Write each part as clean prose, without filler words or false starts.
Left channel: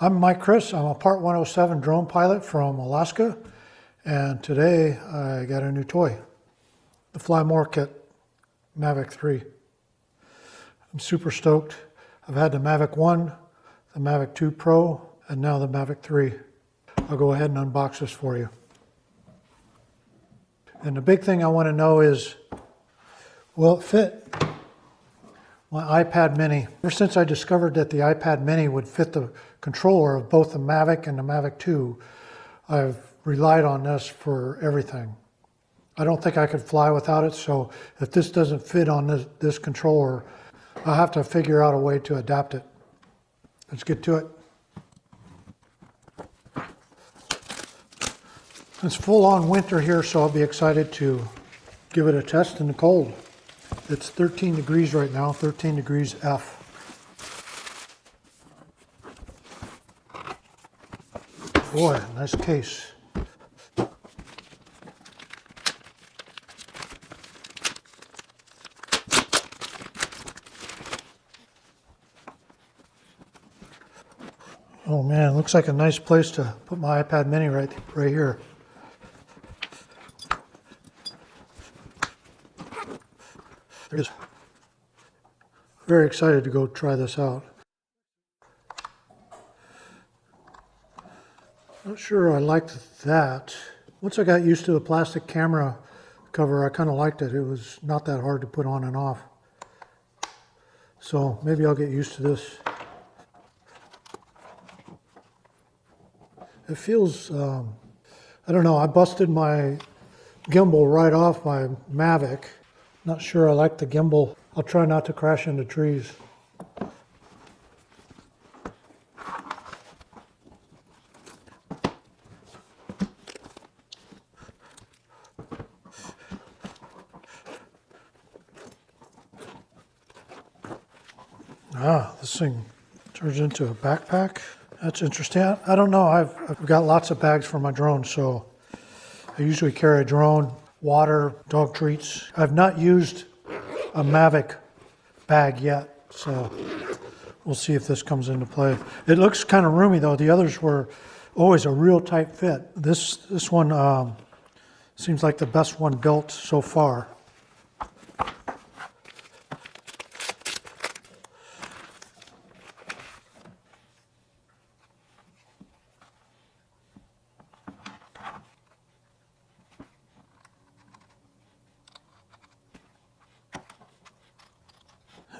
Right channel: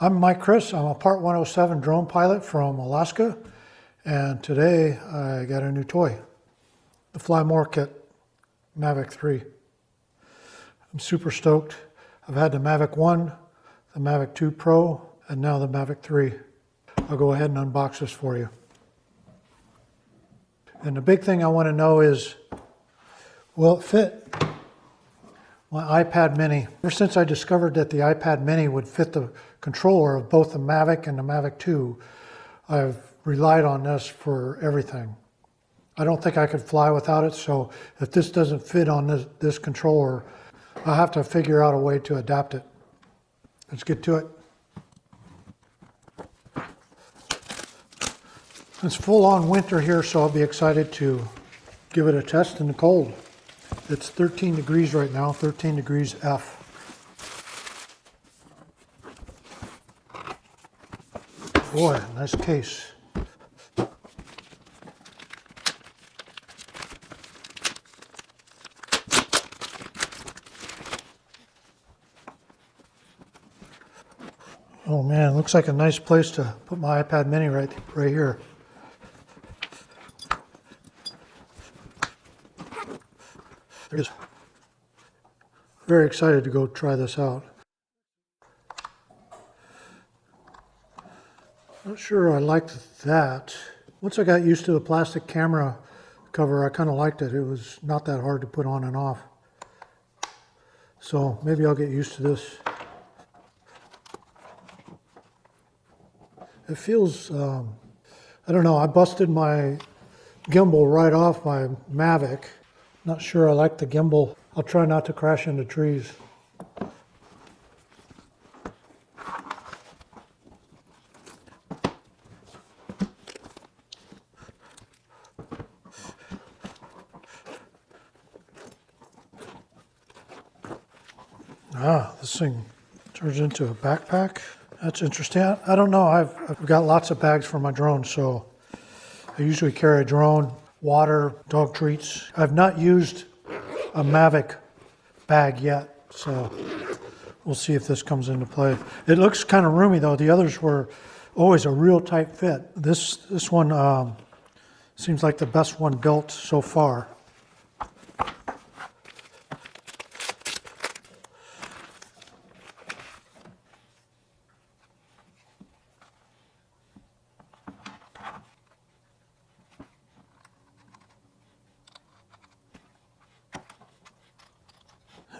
I'm Mike Chris. I'm a Part 107 drone pilot from Alaska, and today I got a new toy, the Fly More Kit Mavic 3. I'm super stoked. I've had the Mavic 1, the Model 2 Pro, and now the Mavic 3. I'll go ahead and unbox this for you. And the big thing I want to know is, will it fit my iPad mini? Ever since I discovered that the iPad mini would fit the controller of both the Mavic and the Mavic 2, I've relied on this for everything. I don't think I could fly without it, so if this doesn't fit on this controller, I'll have to figure out a way to adapt it. Let's get to it. It's full-on winter here, so I'll be excited to give it a test in the cold. It's 13 degrees right now, 13 degrees F. Boy, nice case. Oh man, looks like a nice place to put my iPad mini right here. Very excited to go try this out. Not sure I liked that. Once I got used to the plastic camera cover, I kind of liked it. It was not that hard to put on and off. So maybe I'll get used to this. It feels, I don't know, I busted my gimbal right off my Mavic. Not sure I like the gimbal. I'll try not to crash into trees. This turns into a backpack. That's interesting. I don't know. I've got lots of bags for my drone, so I usually carry a drone, water, dog treats. I've not used a Mavic bag yet, so we'll see if this comes into play. It looks kind of roomy though. The others were always a real tight fit. This one seems like the best one built so far.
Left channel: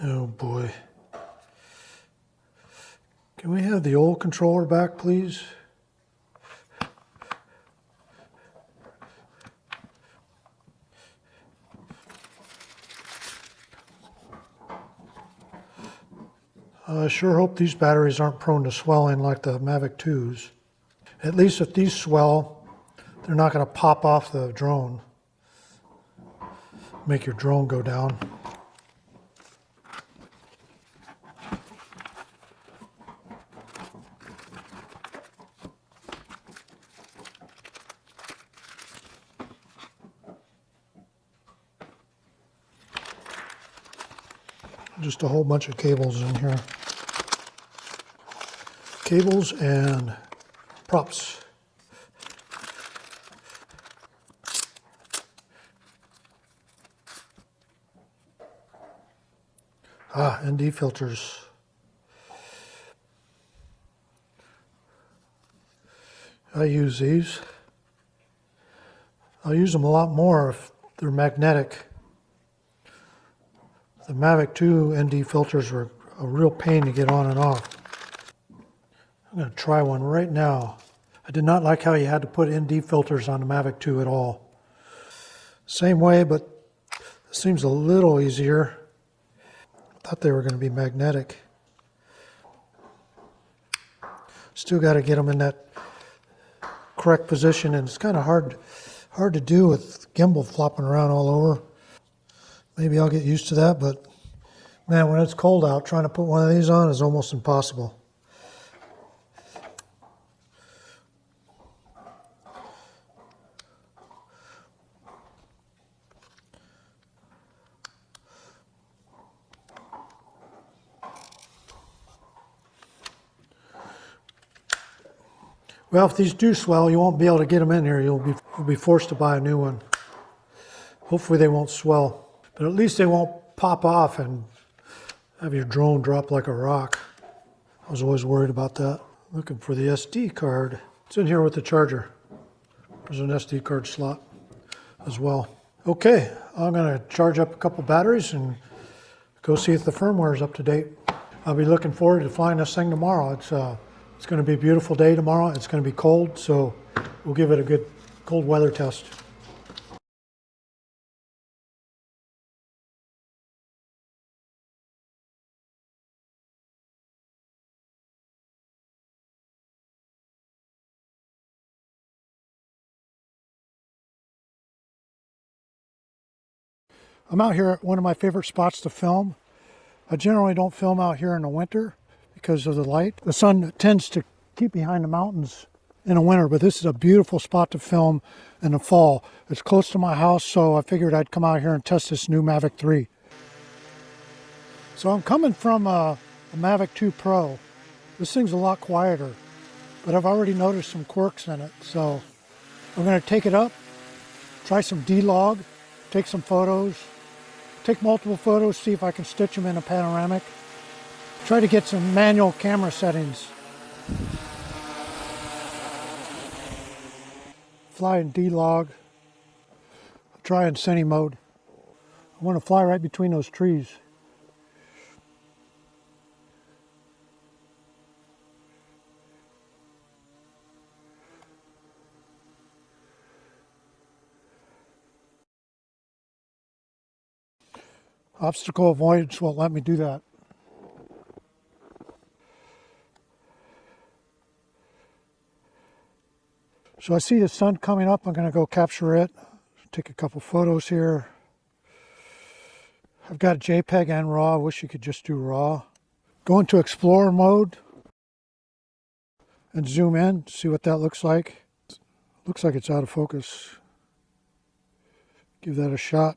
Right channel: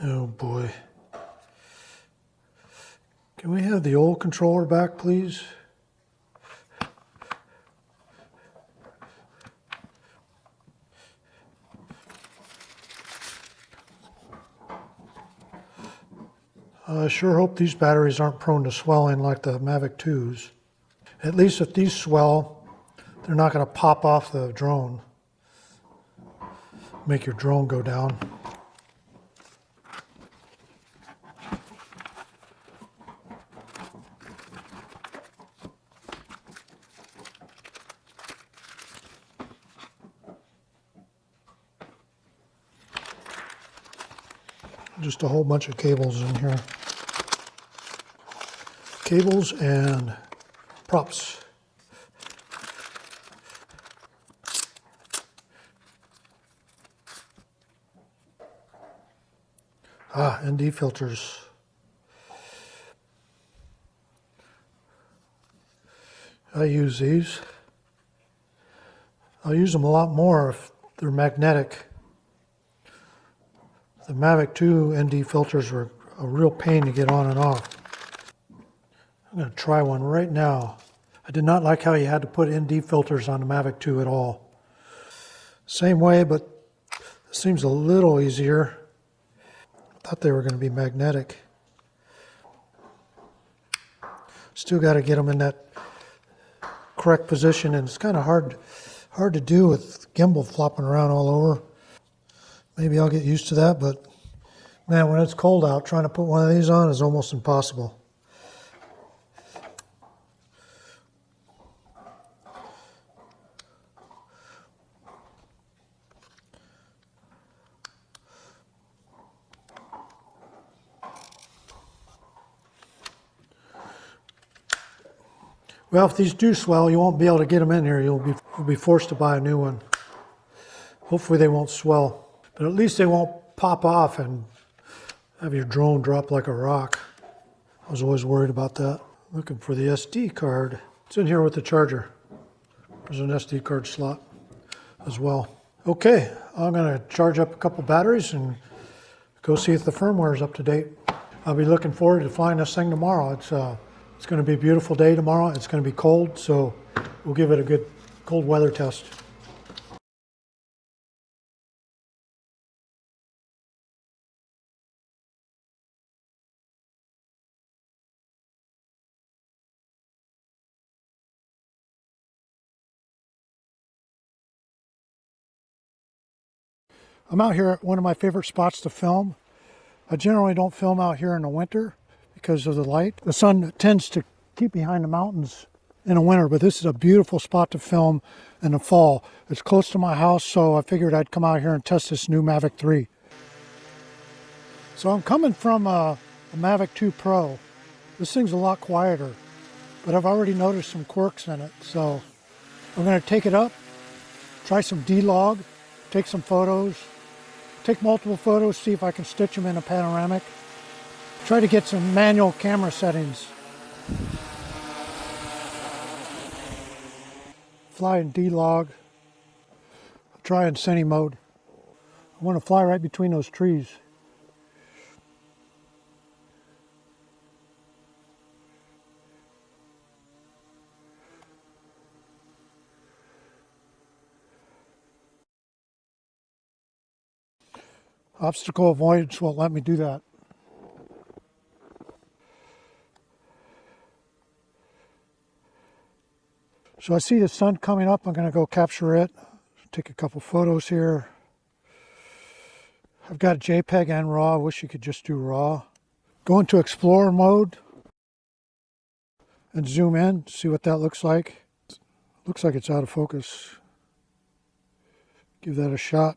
Oh boy. Can we have the old controller back, please? I sure hope these batteries aren't prone to swelling like the Mavic 2s. At least if these swell, they're not going to pop off the drone. Make your drone go down. Just a whole bunch of cables in here. Cables and props. ND filters. I use these. I'll use them a lot more if they're magnetic. The Mavic 2 ND filters are a real pain to get on and off. I'm going to try one right now. I did not like how you had to put ND filters on the Mavic 2 at all. Same way, but it seems a little easier. I thought they were going to be magnetic. Still got to get them in that correct position, and it's kind of hard to do with gimbal flopping around all over. Maybe I'll get used to that, but man, when it's cold out, trying to put one of these on is almost impossible. Well, if these do swell, you won't be able to get them in here. You'll be forced to buy a new one. Hopefully they won't swell, but at least they won't pop off and have your drone drop like a rock. I was always worried about that. Looking for the SD card. It's in here with the charger. There's an SD card slot as well. Okay, I'm gonna charge up a couple batteries and go see if the firmware is up to date. I'll be looking forward to flying this thing tomorrow. It's gonna be a beautiful day tomorrow. It's gonna be cold, so we'll give it a good cold weather test. I'm out here at one of my favorite spots to film. I generally don't film out here in the winter because of the light. The sun tends to keep behind the mountains in the winter, but this is a beautiful spot to film in the fall. It's close to my house, so I figured I'd come out here and test this new Mavic 3. So I'm coming from a Mavic 2 Pro. This thing's a lot quieter, but I've already noticed some quirks in it. So I'm gonna take it up, try some D-log, take some photos, take multiple photos, see if I can stitch them in a panoramic. Try to get some manual camera settings. Fly in D-log. Try in cine mode. I want to fly right between those trees. Obstacle avoidance won't let me do that. So I see the sun coming up. I'm going to go capture it. Take a couple photos here. I've got JPEG and RAW. I wish you could just do RAW. Go into Explorer mode and zoom in, see what that looks like. Looks like it's out of focus. Give that a shot.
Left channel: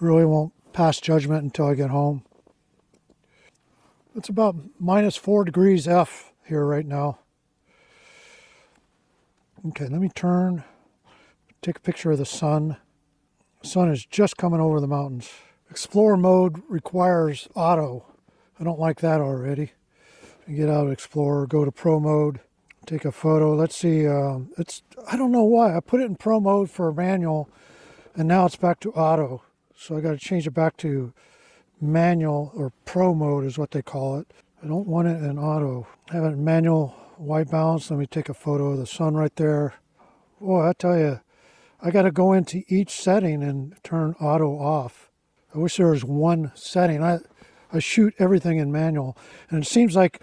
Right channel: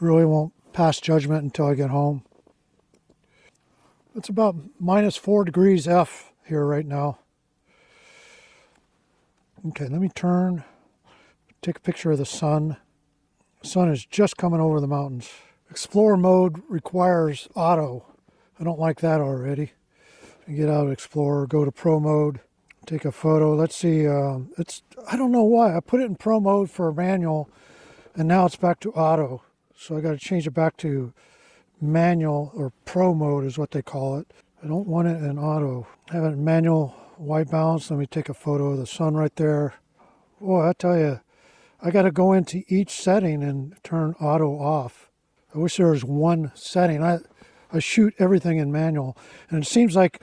Really won't pass judgment until I get home. It's about -4 degrees F here right now. Okay, let me turn, take a picture of the sun. The sun is just coming over the mountains. Explorer mode requires auto. I don't like that already. Get out of Explorer, go to Pro mode, take a photo. Let's see, I don't know why. I put it in Pro mode for manual, and now it's back to auto. So I got to flip it back to manual, or Pro mode is what they call it. I don't want it in auto. I have it in manual white balance. Let me take a photo of the sun right there. Boy, I tell you, I got to go into each setting and turn auto off. I wish there was one setting. I shoot everything in manual, and it seems like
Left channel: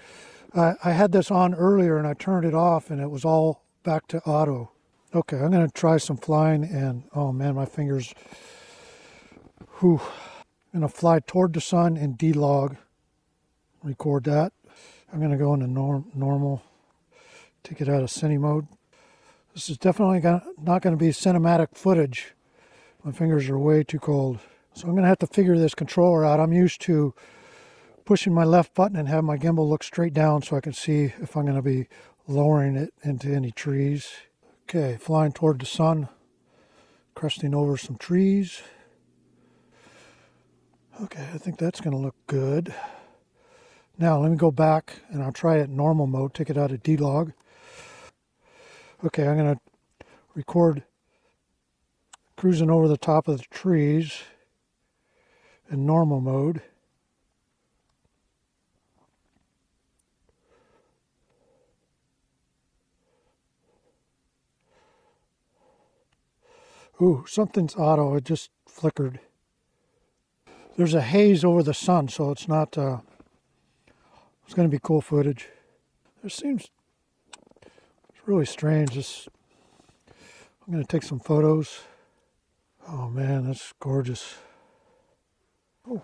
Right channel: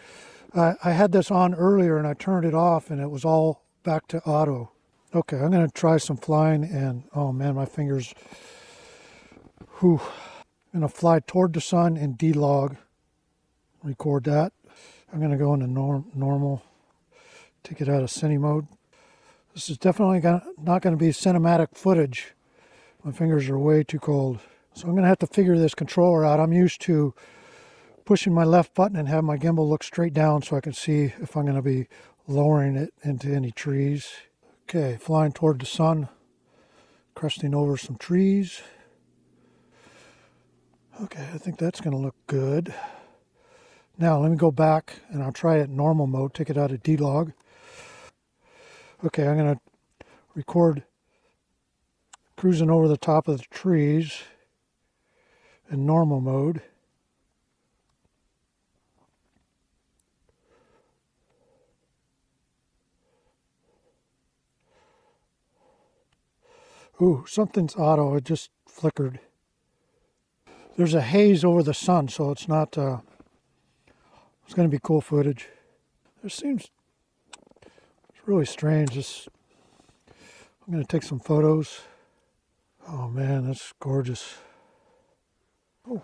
I had this on earlier and I turned it off and it was all back to auto. Okay, I'm going to try some flying, and oh man, my fingers. Whew. I'm going to fly toward the sun in D-log. Record that. I'm going to go into normal. Take it out of cine mode. This is definitely not going to be cinematic footage. My fingers are way too cold. So I'm going to have to figure this controller out. I'm used to pushing my left button and have my gimbal look straight down so I can see if I'm going to be lowering it into any trees. Okay, flying toward the sun, crusting over some trees. Okay, I think that's going to look good. Now let me go back and I'll try it in normal mode, take it out of D-log. Okay, I'm going to record cruising over the top of the trees in normal mode. Ooh, something's auto, it just flickered. There's a haze over the sun, so it's not, it's going to be cool footage. It seems, it's really strange. I'm going to take some photos. Oh man, that's gorgeous. Oh,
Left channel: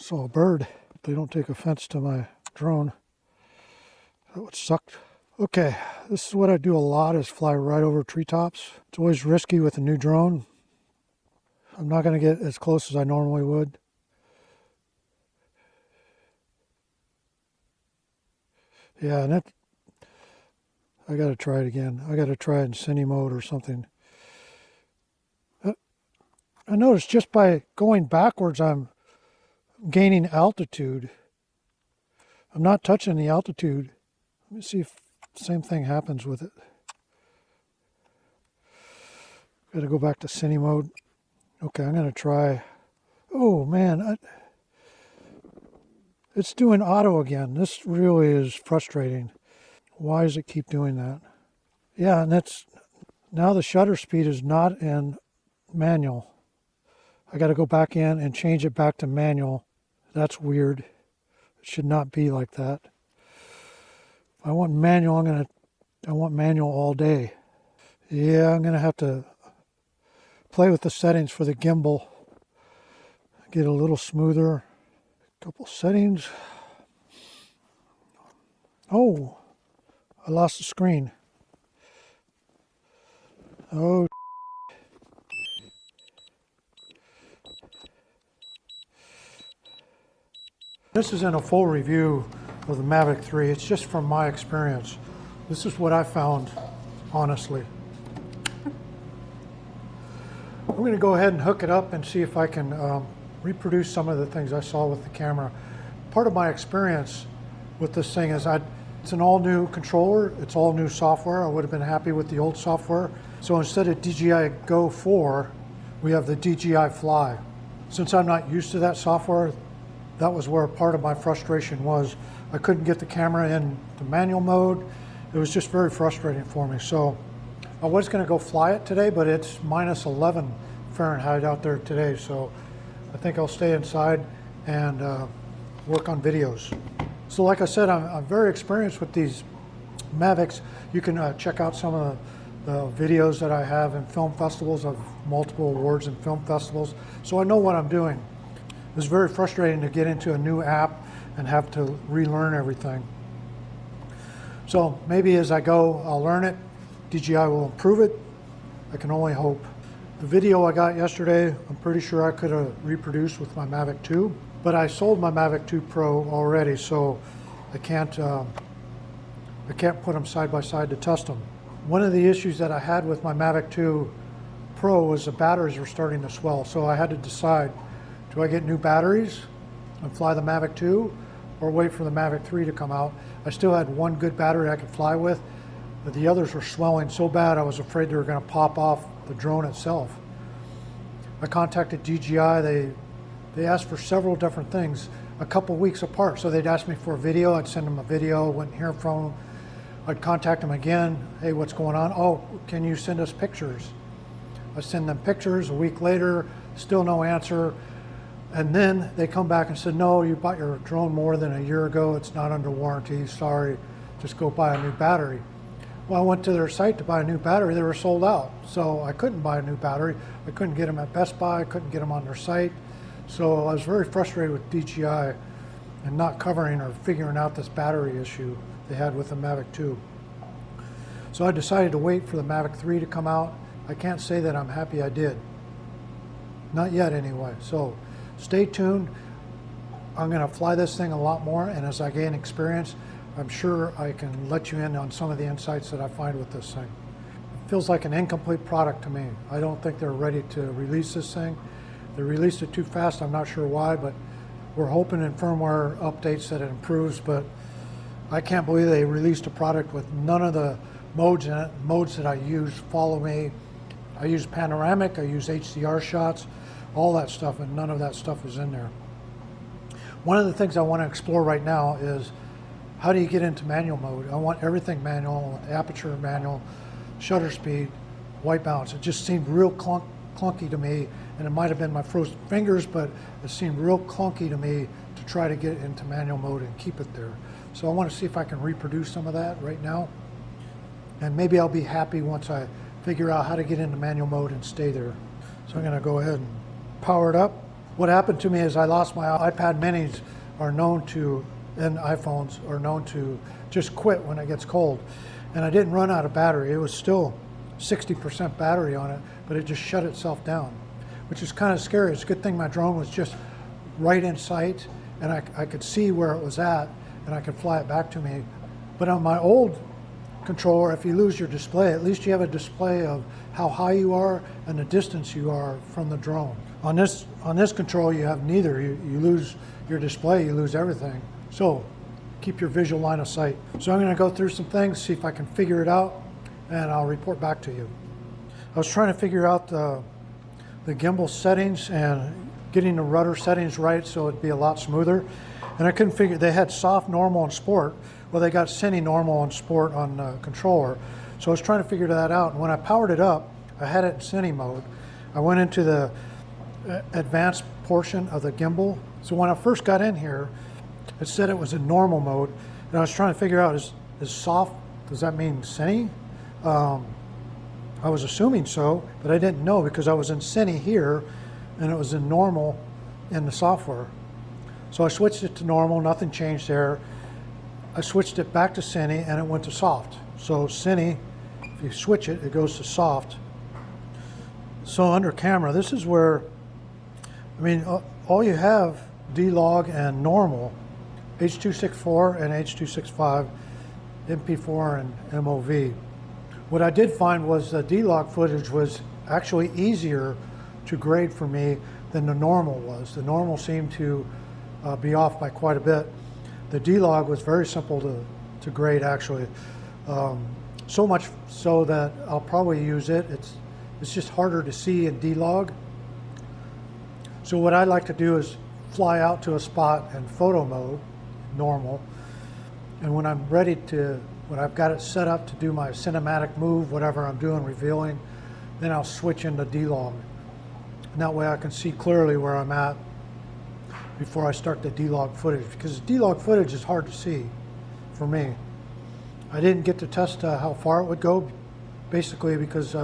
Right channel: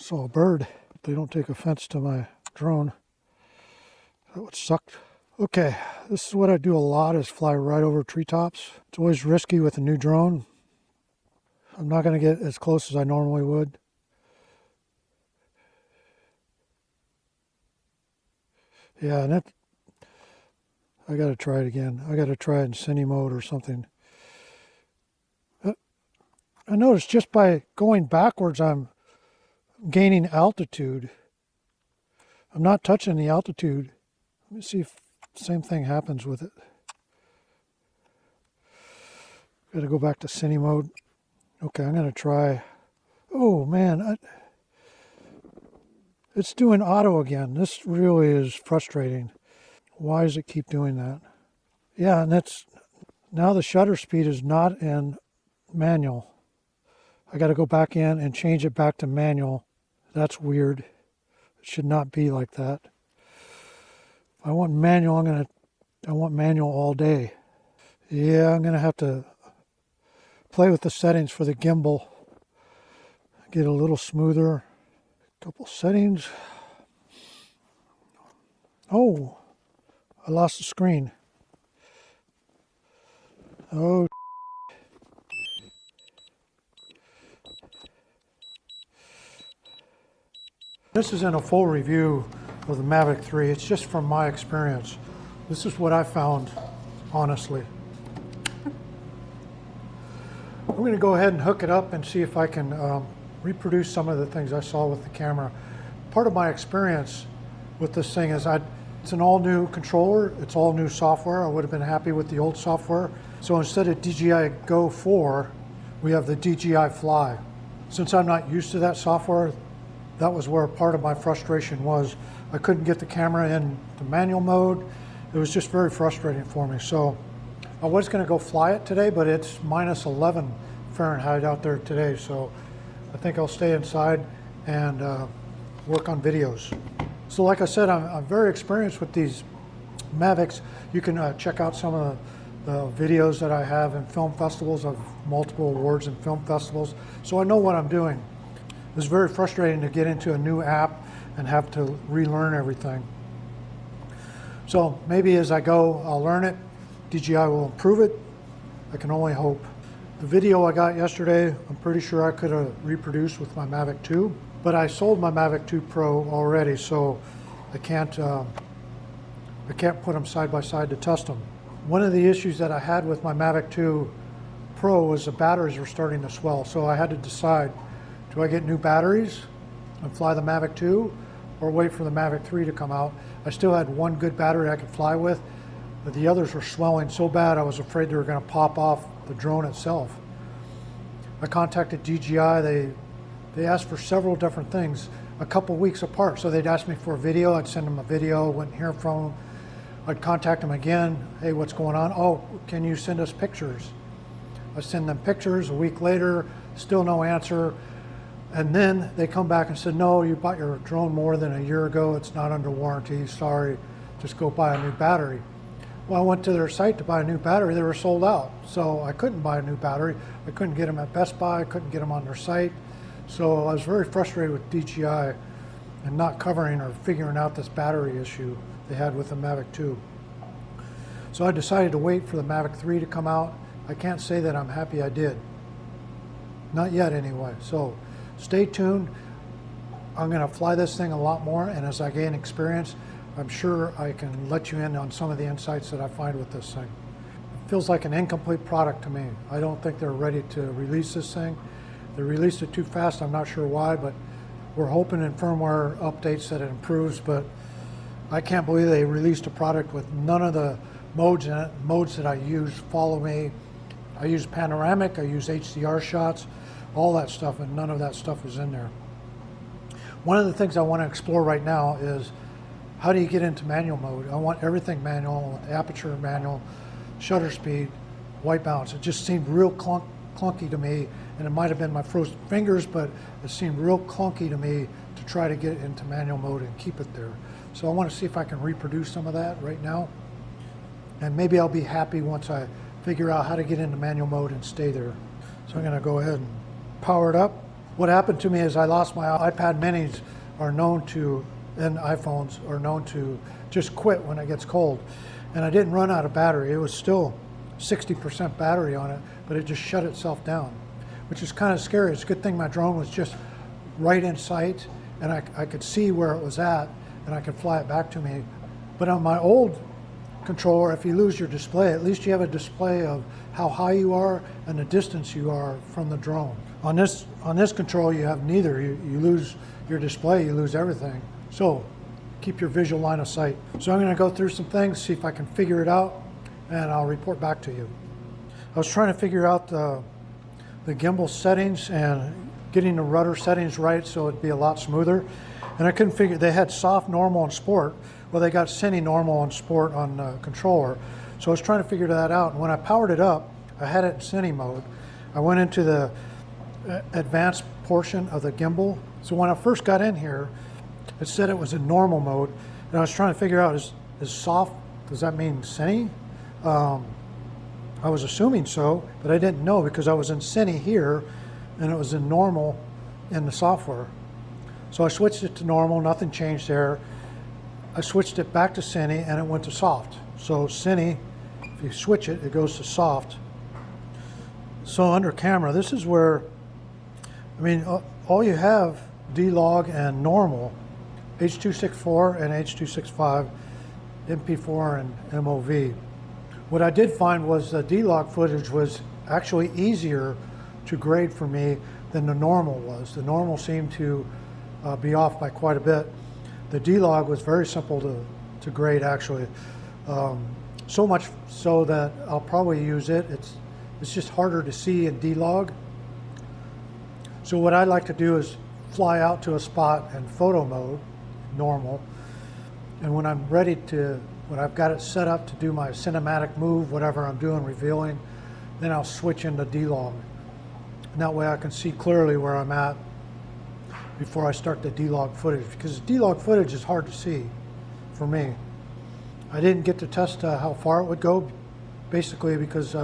saw a bird. They don't take offense to my drone. That would suck. Okay, this is what I do a lot, is fly right over treetops. It's always risky with a new drone. I'm not going to get as close as I normally would. Yeah, and I gotta try it again. I gotta try infinity mode or something. I noticed just by going backwards, I'm gaining altitude. I'm not touching the altitude. Let me see if the same thing happens with it. Gotta go back to cine mode. Okay, I'm gonna try. Oh man, it's doing auto again. This really is frustrating. Why does it keep doing that? Yeah, and that's now the shutter speed is not in manual. I got to go back in and change it back to manual. That's weird. It should not be like that. If I want manual, I want manual all day. Yeah, I'm gonna have to play with the settings for the gimbal. Get a little smoother. Couple settings. Oh, I lost the screen. Oh. This isn't a full review of the Mavic 3. It's just from my experience. This is what I found, honestly. I'm going to go ahead and hook it up and see if I can reproduce some of the things I saw with the camera. Part of my experience with this thing is it's an all new controller. It's all new software. I would have been happy with the old software. So instead of DJI Go 4, we have the DJI Fly. Since I'm not used to that software, that was where part of my frustration was. I couldn't get the camera in the manual mode. It was just very frustrating for me. So I was going to go fly it today, but it's minus 11 Fahrenheit out there today. So I think I'll stay inside and work on videos. So like I said, I'm very experienced with these Mavics. You can check out some of the videos that I have in film festivals of multiple awards in film festivals. So I know what I'm doing. It's very frustrating to get into a new app and have to relearn everything. So maybe as I go, I'll learn it. DJI will improve it. I can only hope. The video I got yesterday, I'm pretty sure I could have reproduced with my Mavic 2, but I sold my Mavic 2 Pro already, so I can't put them side by side to test them. One of the issues that I had with my Mavic 2 Pro was the batteries were starting to swell, so I had to decide, do I get new batteries and fly the Mavic 2 or wait for the Mavic 3 to come out? I still had one good battery I could fly with, but the others were swelling so bad I was afraid they were going to pop off the drone itself. I contacted DJI. They asked for several different things a couple weeks apart. So they'd ask me for a video. I'd send them a video. Wouldn't hear from them. I'd contact them again. Hey, what's going on? Oh, can you send us pictures? I'd send them pictures. A week later, still no answer. And then they come back and said, no, you bought your drone more than a year ago. It's not under warranty. Sorry, just go buy a new battery. Well, I went to their site to buy a new battery. They were sold out. So I couldn't buy a new battery. I couldn't get them on Best Buy. I couldn't get them on their site. So I was very frustrated with DJI and not covering or figuring out this battery issue they had with the Mavic 2. So I decided to wait for the Mavic 3 to come out. I can't say that I'm happy I did. Not yet anyway. So stay tuned. I'm going to fly this thing a lot more, and as I gain experience, I'm sure I can let you in on some of the insights that I find with this thing. It feels like an incomplete product to me. I don't think they're ready to release this thing. They released it too fast, I'm not sure why, but we're hoping in firmware updates that it improves, but I can't believe they released a product with none of the modes that I use. Follow me. I use panoramic, I use HDR shots, all that stuff, and none of that stuff is in there. One of the things I want to explore right now is how do you get into manual mode? I want everything manual, I want the aperture manual, shutter speed, white balance. It just seemed real clunky to me, and it might have been my frozen fingers, but it seemed real clunky to me to try to get into manual mode and keep it there. So I want to see if I can reproduce some of that right now, and maybe I'll be happy once I figure out how to get into manual mode and stay there. So I'm going to go ahead and power it up. What happened to me is I lost my iPad minis are known to, and iPhones are known to just quit when it gets cold. And I didn't run out of battery. It was still 60% battery on it, but it just shut itself down, which is kind of scary. It's a good thing my drone was just right in sight and I could see where it was at and I could fly it back to me. But on my old controller, if you lose your display, at least you have a display of how high you are and the distance you are from the drone. On this control, you have neither. You lose your display, you lose everything. So keep your visual line of sight. So I'm going to go through some things, see if I can figure it out, and I'll report back to you. I was trying to figure out the gimbal settings and getting the rudder settings right so it'd be a lot smoother. And I couldn't figure, they had soft, normal, and sport. Well, they got cine, normal, and sport on the controller. So I was trying to figure that out. And when I powered it up, I had it in cine mode. I went into the advanced portion of the gimbal. So when I first got in here, it said it was in normal mode. And I was trying to figure out, is soft, does that mean cine? I was assuming so, but I didn't know because I was in cine here and it was in normal in the software. So I switched it to normal, nothing changed there. I switched it back to cine and it went to soft. So cine, you switch it, it goes to soft. So under camera, this is where, I mean, all you have, D-Log and normal, H.264 and H.265, MP4 and MOV. What I did find was the D-Log footage was actually easier to grade for me than the normal was. The normal seemed to be off by quite a bit. The D-Log was very simple to grade actually. So much so that I'll probably use it. It's just harder to see in D-Log. So what I like to do is fly out to a spot in photo mode, normal, and when I'm ready to, when I've got it set up to do my cinematic move, whatever I'm doing, revealing, then I'll switch into D-Log. And that way I can see clearly where I'm at before I start the D-Log footage, because D-Log footage is hard to see for me. I didn't get to test how far it would go, basically because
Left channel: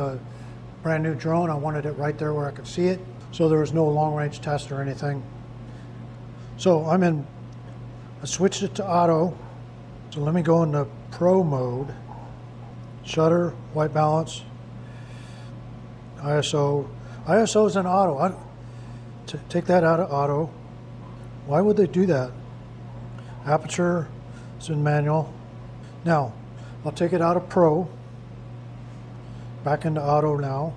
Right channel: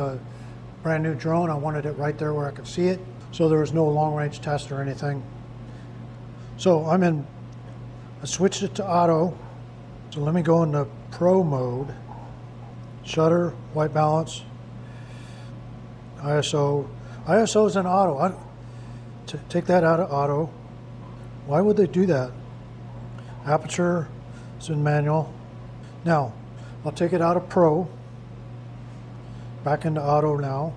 brand new drone, I wanted it right there where I could see it. So there was no long range test or anything. So I switched it to auto. So let me go into pro mode, shutter, white balance, ISO. ISO is in auto. Take that out of auto. Why would they do that? Aperture is in manual. Now, I'll take it out of pro, back into auto now,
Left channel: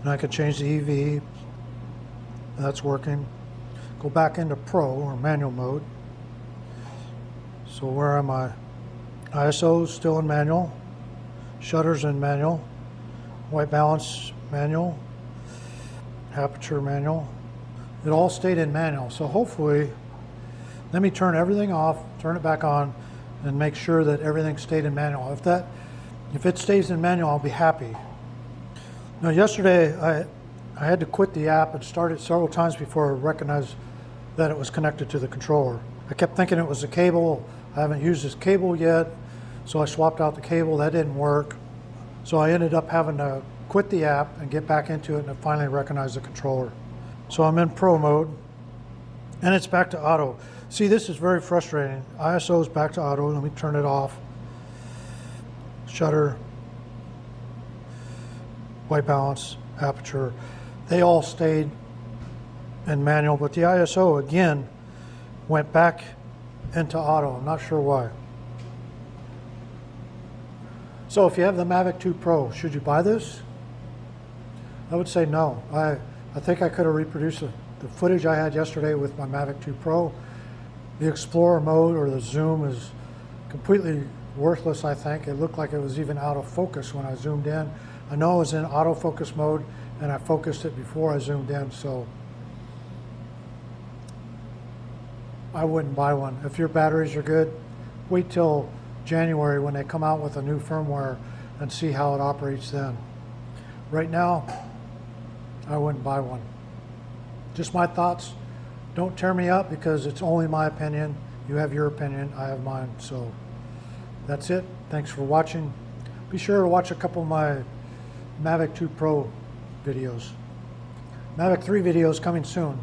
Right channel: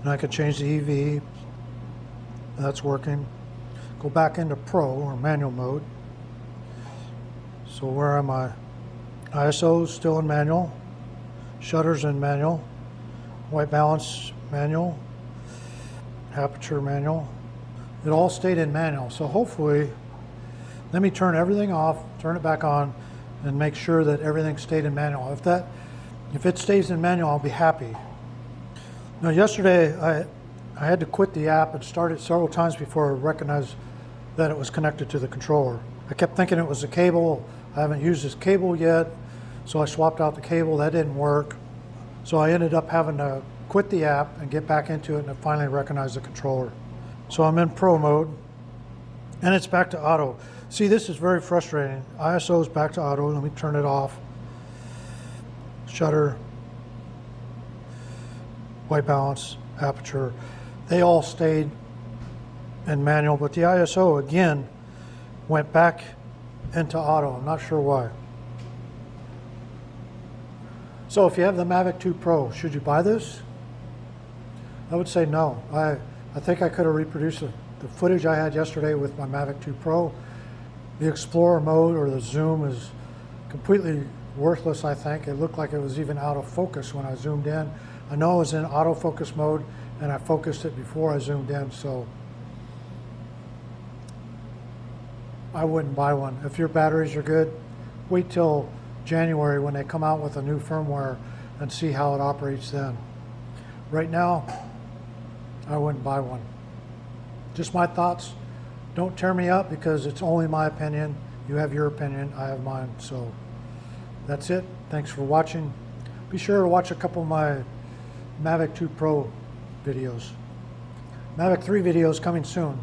and I can change the EV. That's working. Go back into pro or manual mode. So where am I? ISO still in manual, shutters in manual, white balance manual, aperture manual. It all stayed in manual. So hopefully, let me turn everything off, turn it back on, and make sure that everything stayed in manual. If it stays in manual, I'll be happy. Now yesterday, I had to quit the app. It started several times before I recognized that it was connected to the controller. I kept thinking it was a cable. I haven't used this cable yet, so I swapped out the cable. That didn't work. So I ended up having to quit the app and get back into it and finally recognize the controller. So I'm in pro mode and it's back to auto. See, this is very frustrating. ISO is back to auto. Let me turn it off. Shutter, white balance, aperture. They all stayed in manual, but the ISO again went back into auto. I'm not sure why. So if you have the Mavic 2 Pro, should you buy this? I would say no. I think I could have reproduced the footage I had yesterday with my Mavic 2 Pro. The Explorer mode or the zoom is completely worthless, I think. It looked like it was even out of focus when I zoomed in. I know it was in autofocus mode and I focused it before I zoomed in, so I wouldn't buy one. If your batteries are good, wait till January when they come out with a new firmware and see how it operates then. Right now, I wouldn't buy one. Just my thoughts. Don't tear me up because it's only my opinion. You have your opinion, I have mine. So that's it. Thanks for watching. Be sure to watch a couple of my Mavic 2 Pro videos. Mavic 3 videos coming soon.